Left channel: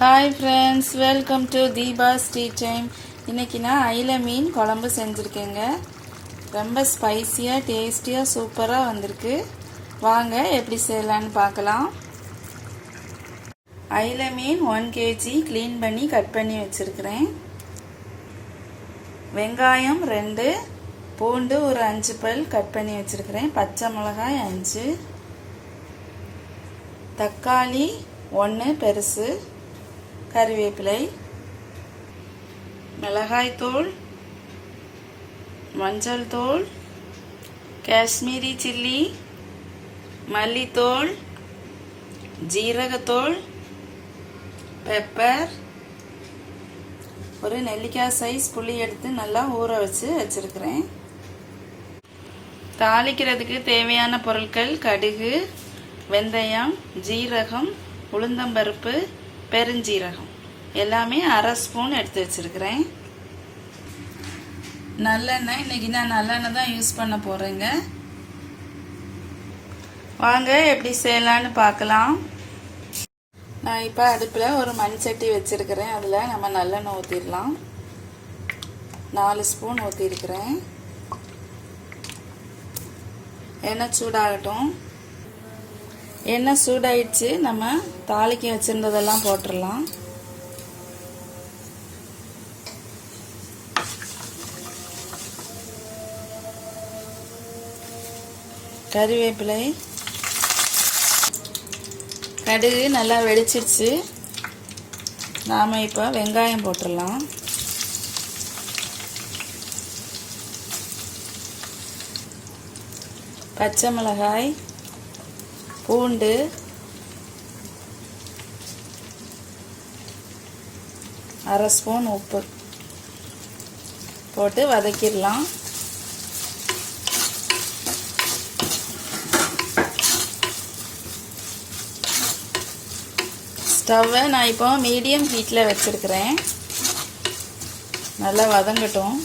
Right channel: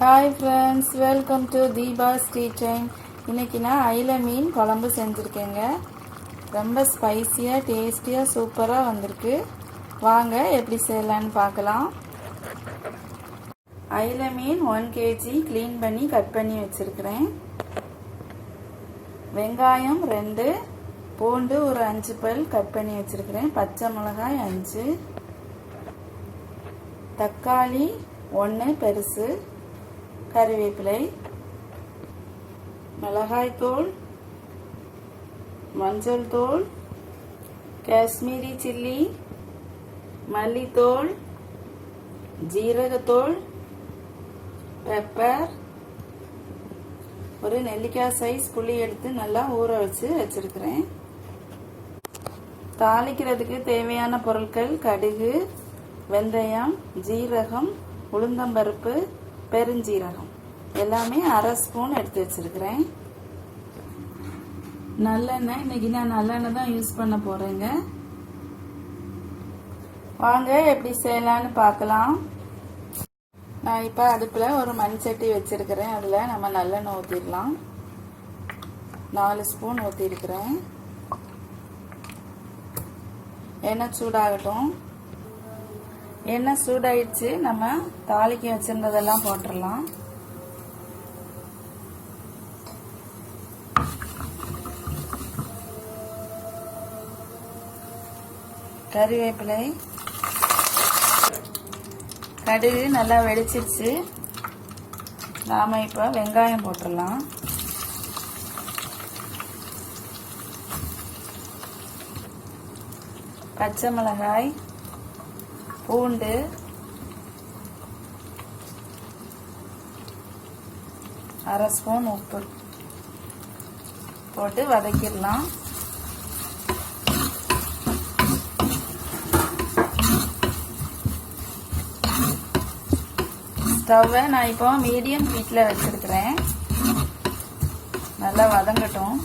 Hi friends, welcome to Deepa's tea time. இன்றைக்கி நான் அயிலை மீன் குழம்பு செஞ்சுருக்கேங்க. ரொம்ப ஸ்பைஸியாக டேஸ்டியாக சூப்பராக வந்திருக்கு. வாங்க எப்படி செய்யலான்னு பார்க்கலாம். அயிலை மீன் 1 kg க்ளீன் பண்ணி கட் பண்ணி வச்சுருக்கிறேன். வெங்காயம் 2, பூண்டு ஒரு 5 பல் கட் பண்ணி வச்சுருக்கிறேன். பச்சை மிளகாய் 5, தக்காளி 1 பெருசு, கறிவேப்பிலை, மிளகாய்த்தூள், மஞ்சள் தூள், காஷ்மீரி சில்லி, மல்லித்தூள், ஜீரகத்தூள், பெப்பர், ஒரு நெல்லிக்காய் சைஸ் புளி எடுத்து நல்லா ஊற வச்சுருக்கிறேன். தாளிக்கிறதுக்கு தேவையான பொருட்கள்: கடுகு, வெந்தயம், ஜீரகம், உளுந்தம்பருப்பு, பெருஞ்சீரகம் எல்லாமே 1/2 ஸ்பூன் எடுத்து வச்சுருக்கிறேன். நல்லெண்ணெய், இன்றைக்கி நான் நல்லெண்ணெய் தான் யூஸ் பண்ண போகிறேங்க. வாங்க எப்படி செய்யலான்னு பார்க்கலாம். நான் இப்போ அடுப்பில் ஒரு மண் சட்டி வச்சுருக்கிறேன். அதில் நம்ம நல்லெண்ணெய் ஊற்றிடலாம். 4 ஸ்பூன் ஊற்றிருக்கிறேன். எண்ணெய் சூடாகட்டும். எண்ணெய் சூடாயிடுச்சு. நம்ம தாளிக்க வச்சுருந்ததெல்லாம் போட்டுடலாம். கறிவேப்பிலை, கடுகு நல்லா வெடிச்சிருச்சு. நாம் இப்போ வெங்காயம் போட்டுடலாம். பச்சை மிளகாய், பூண்டு, அரை ஸ்பூன் உப்பு போட்டு வதக்கிடலாம். ஸ்டவ்வை நான் இப்போ மீடியம் ஹீட்டில் வச்சுருக்கிறேன். நல்லா வதங்கட்டும்.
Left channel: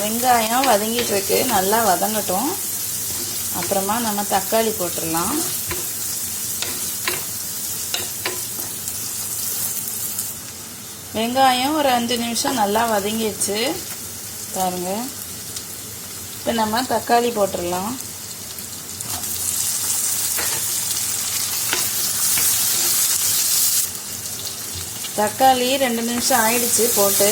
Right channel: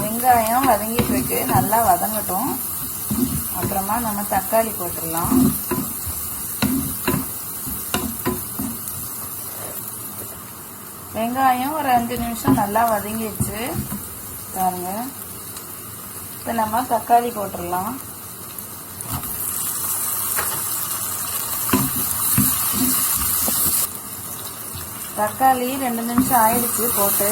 வெங்காயம் வதங்கிட்டு இருக்கு, நல்லா வதங்கட்டும். அப்புறமா நம்ம தக்காளி போட்டுடலாம். வெங்காயம் ஒரு 5 நிமிஷம் நல்லா வதங்கிடுச்சு பாருங்க. இப்போ நம்ம தக்காளி போட்டுடலாம். தக்காளி 2 நிமிஷம் ஆயிடுச்சு போட்டு.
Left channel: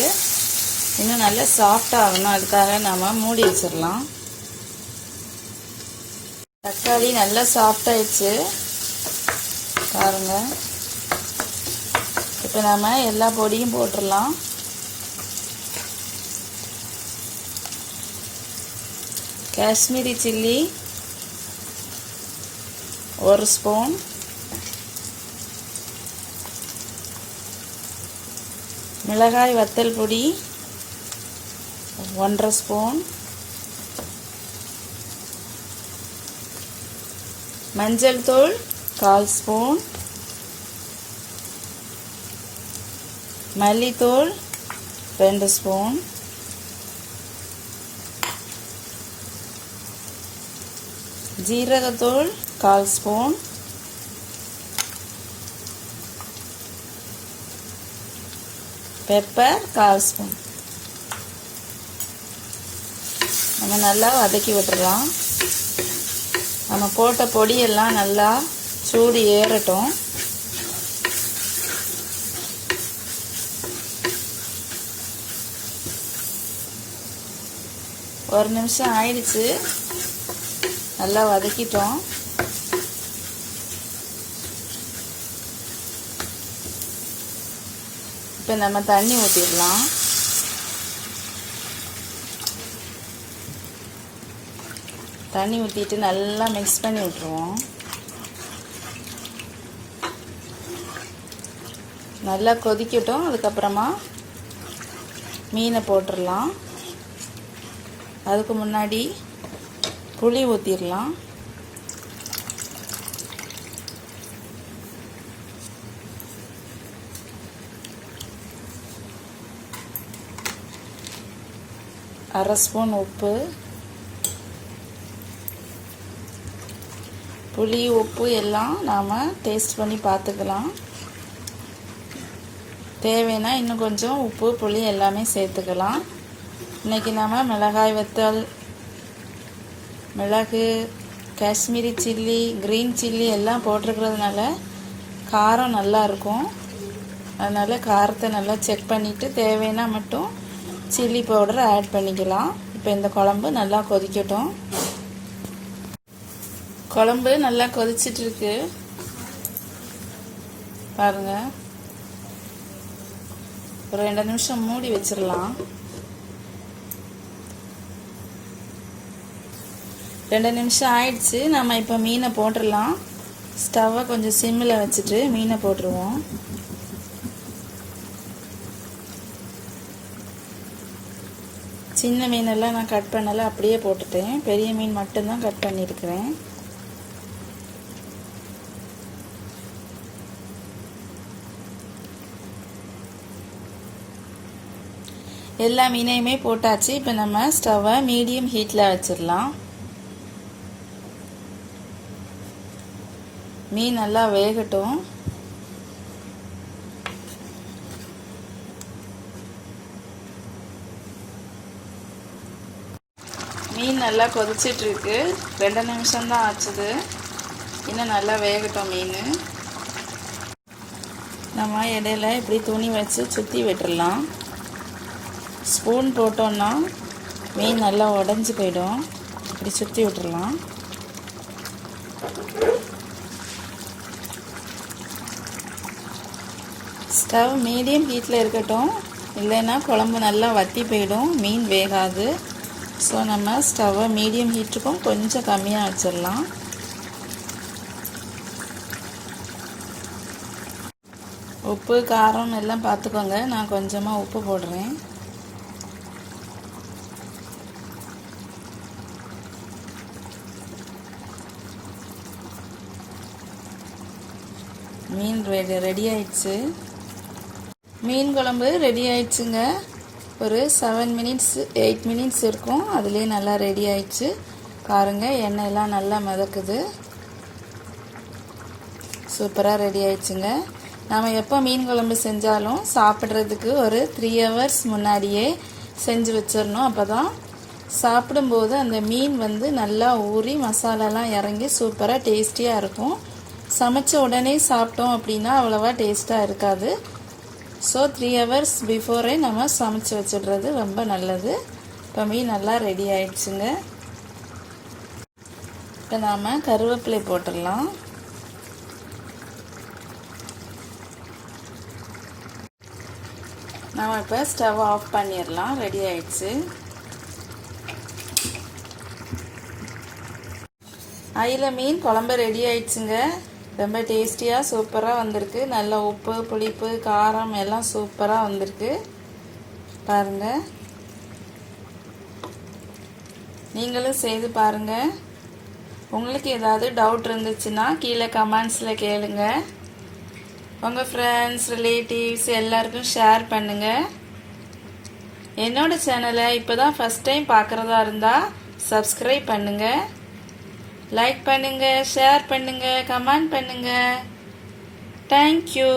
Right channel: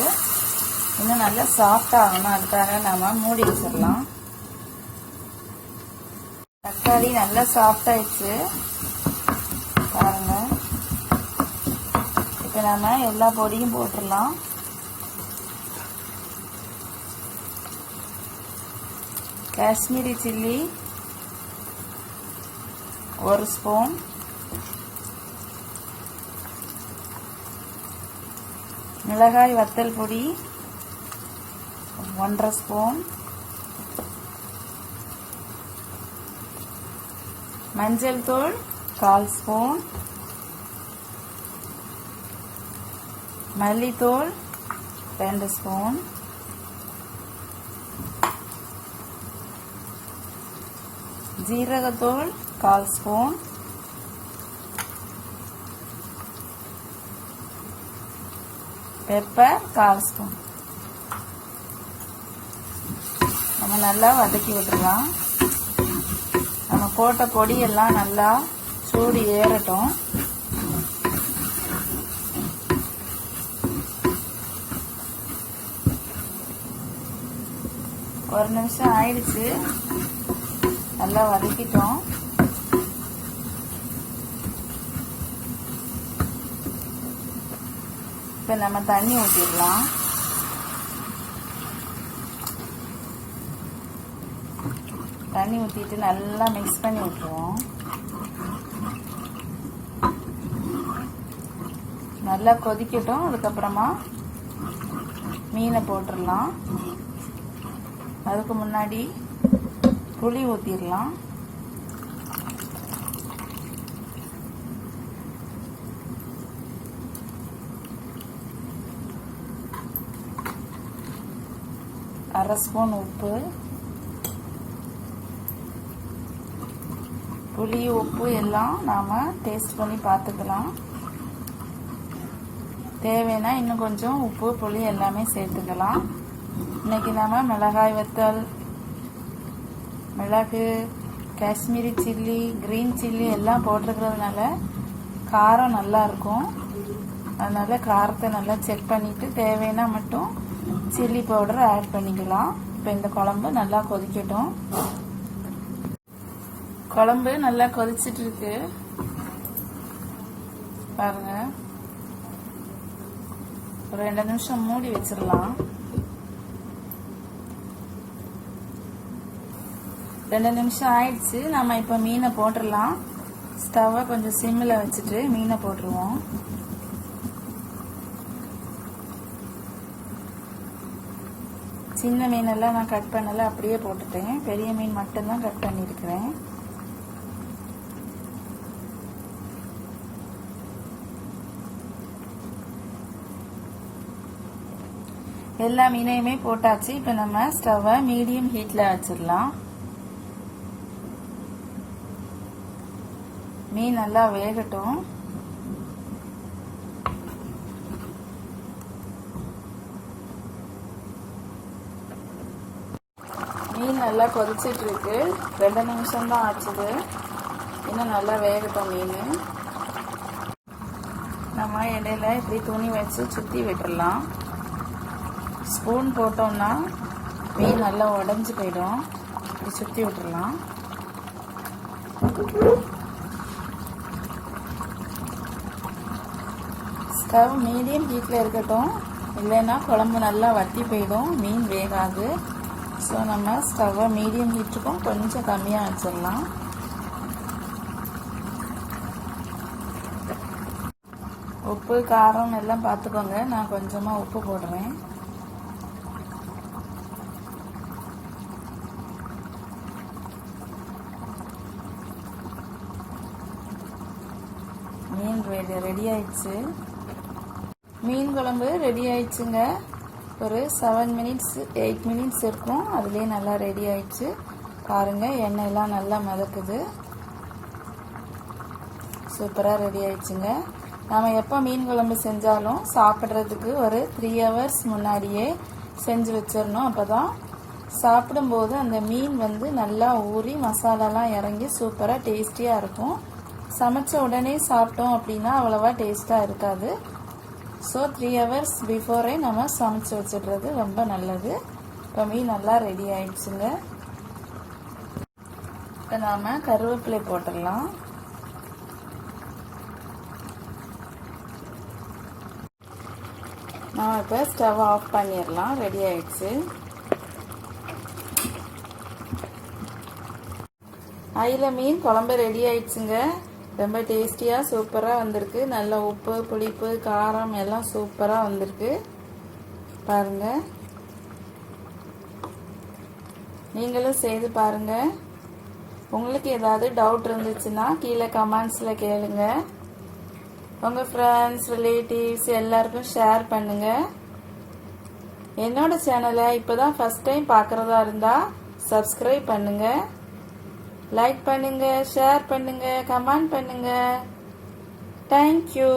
இன்னும் நல்லா சாஃப்டாக ஆகணும், அதுக்காக நம்ம மூடி வச்சிடலாம். தக்காளி நல்லா சாஃப்டாகிடுச்சு பாருங்க. இப்போ நம்ம எல்லா பொடியும் போட்டுடலாம். காஷ்மீரி சில்லி 1 ஸ்பூன், மிளகாய் வத்தல் பொடி 1/2 ஸ்பூன், மஞ்சள் தூள் 1/4 ஸ்பூன், மல்லித்தூள் 2 ஸ்பூன், ஜீரகத்தூள் 1/4 ஸ்பூன், பெப்பர் 1/4 ஸ்பூன். நம்ம நல்லா வதக்கி விட்டுறலாம். நம்ம போட்ட பொடியெல்லாம் நல்லா சூடு ஏறட்டும். ஒரு நிமிஷம் ஆயிடுச்சு, நல்லா வதக்கிட்டோம். இப்போ நம்ம தண்ணி ஊற்றிடலாம். தண்ணி ஊற்றிட்டு நல்லா மிக்ஸ் பண்ணி விட்டுருவோம். நல்லா கொதிக்கட்டும். அதுக்கப்புறமா மீனை போட்டுடலாம். அதுக்கு முன்னாடி புளி ஊற்றிடலாம். அரை ஸ்பூன் உப்பு, புளி உப்பு எல்லாம் நாம் டேஸ்ட் பண்ணி பார்த்துக்கலாம். தேவைன்னா இன்னும் கொஞ்சம் உப்பு புளி எல்லாமே சேர்த்துக்கலாம். இன்றைக்கி நம்ம மிளகாய் வத்தல், மிளகு, காஷ்மீரி சில்லி, க்ரீன் சில்லி எல்லாம் போட்டிருக்கிறதுனால காரம் நல்லாயிருக்கும். அதனால் காரத்தை நல்லா செக் பண்ணிவிட்டு தேவைன்னா மட்டும் சில்லி பவுடர் ஆட் பண்ணிக்கலாம். இப்போ இந்த குழம்பு நல்லா கொதிக்கட்டும். குழம்பு நல்லா கொதிச்சிட்ருக்கு பாருங்கள். ஒரு 2 நிமிஷம் மூடி வச்சிடலாம். 2 நிமிஷம் ஆயிடுச்சு. நம்ம இப்போ மீனை போட்டுடலாம். ஸ்டவ்வை கொஞ்சம் சிம்மில் வச்சுட்டு மீனை போட்டுருவோம். சின்ன மீனெல்லாம் நான் கட் பண்ணலை, அப்படியே போட்டுட்டேன். பெரிய மீன் மட்டும்தான் கட் பண்ணியிருக்கிறேன். எல்லா மீனையுமே போட்டாச்சு. இப்போ நம்ம ஸ்டவ்வை மீடியம் ஹீட்டில் வச்சிடலாம். மீன் நல்லா வேகட்டும். மீன் நல்லா கொதிச்சிட்ருக்கு. 2 நிமிஷம்தான் ஆச்சுது. இன்னும் நல்லா வேகட்டும் மீன். நம்ம இடையில இப்படி துணி வச்சு சுற்றி விட்டுடலாம். ஸ்பூன் போட்டோன்னா மீன் நல்லா உடஞ்சி போயிடும். இப்படி சுற்றி விட்டுடலாம். ஸ்டவ் மீடியம் ஹீட்டில் இருக்கட்டும், இல்லைன்னா குழம்பு நல்லா வற்றி போயிடும், மீன் வேகாது. ஸோ நம்ம ஸ்டவ்வை மீடியம் ஹீட்டுக்கும் கொஞ்சம் கம்மியாக வச்சிடலாம். உப்பு காரம் எல்லாம் பார்த்துக்கோங்க. நான் கொஞ்சமாக உப்பு போடுறேன். மீன் ரெடி ஆயிடுச்சு. மீன் குழம்பு ரெடி ஆயிடுச்சுங்க. ஒரு 7 மினிட்ஸ் 8 மினிட்ஸ் இருக்கும். அதுலேயே நல்லா ரெடி ஆயிடுச்சு பாருங்கள். எண்ணெயெல்லாம் நல்லா மிதக்குது. சூப்பராக ரெடி ஆயிடுச்சுங்க. நம்ம எப்போ மீன் குழம்பு செஞ்சாலும் சாப்பிட்றதுக்கு ஒரு 3 ஹவர்ஸ் முன்னாடியே செஞ்சு வச்சிடணும். அப்போ தான் சாப்பிடும்போது அந்த மீன் வந்து நல்லா ஊறி மசாலாலாம் இறங்கி சூப்பராக டேஸ்டியாக இருக்கும். சமைச்ச உடனே சாப்பிட்டோம் அப்படின்னா அவ்வளோவா டேஸ்ட்டாக இருக்காது. ஸோ 3 ஹவர்ஸ் பிஃபோரே நம்ம சமைச்சு வச்சிடுறது ரொம்ப நல்லது. இப்போ மீன் நல்லா ரெடி ஆயிடுச்சுங்க. இப்போ நாம் கருவேப்பிலை போட்டுடலாம். நாம் இப்போ ஸ்டவ் ஆஃப் பண்ணிடலாம். ரெடி ஆயிடுச்சு. அயில மீன் குழம்பு ரெடி ஆயிடுச்சுங்க. ரொம்ப டேஸ்டியாக சூப்பராக வந்திருக்கு. நல்ல உப்பு புளிப்பு காரம் எல்லாம் சூப்பராக வந்திருக்கு பாருங்கள். நீங்களும் செய்து பாருங்கள். உங்களுக்கு ஏதாவது டவுட் இருந்துச்சுன்னா கீழே கமெண்ட்ஸில் கேளுங்க. உங்கள் ஃப்ரெண்ட்ஸ் ரிலேட்டிவ்ஸ் எல்லாருக்கும் ஷேர் பண்ணுங்கள். என்னோட சேனலை இப்போ தான் ஃபஸ்ட் டைம் பார்க்குறதா இருந்தால் சப்ஸ்கிரைப் பண்ணுங்கள். லைக் பண்ணுங்க, ஷேர் பண்ணுங்க, கமெண்ட் பண்ணுங்க. தேங்க்யூ.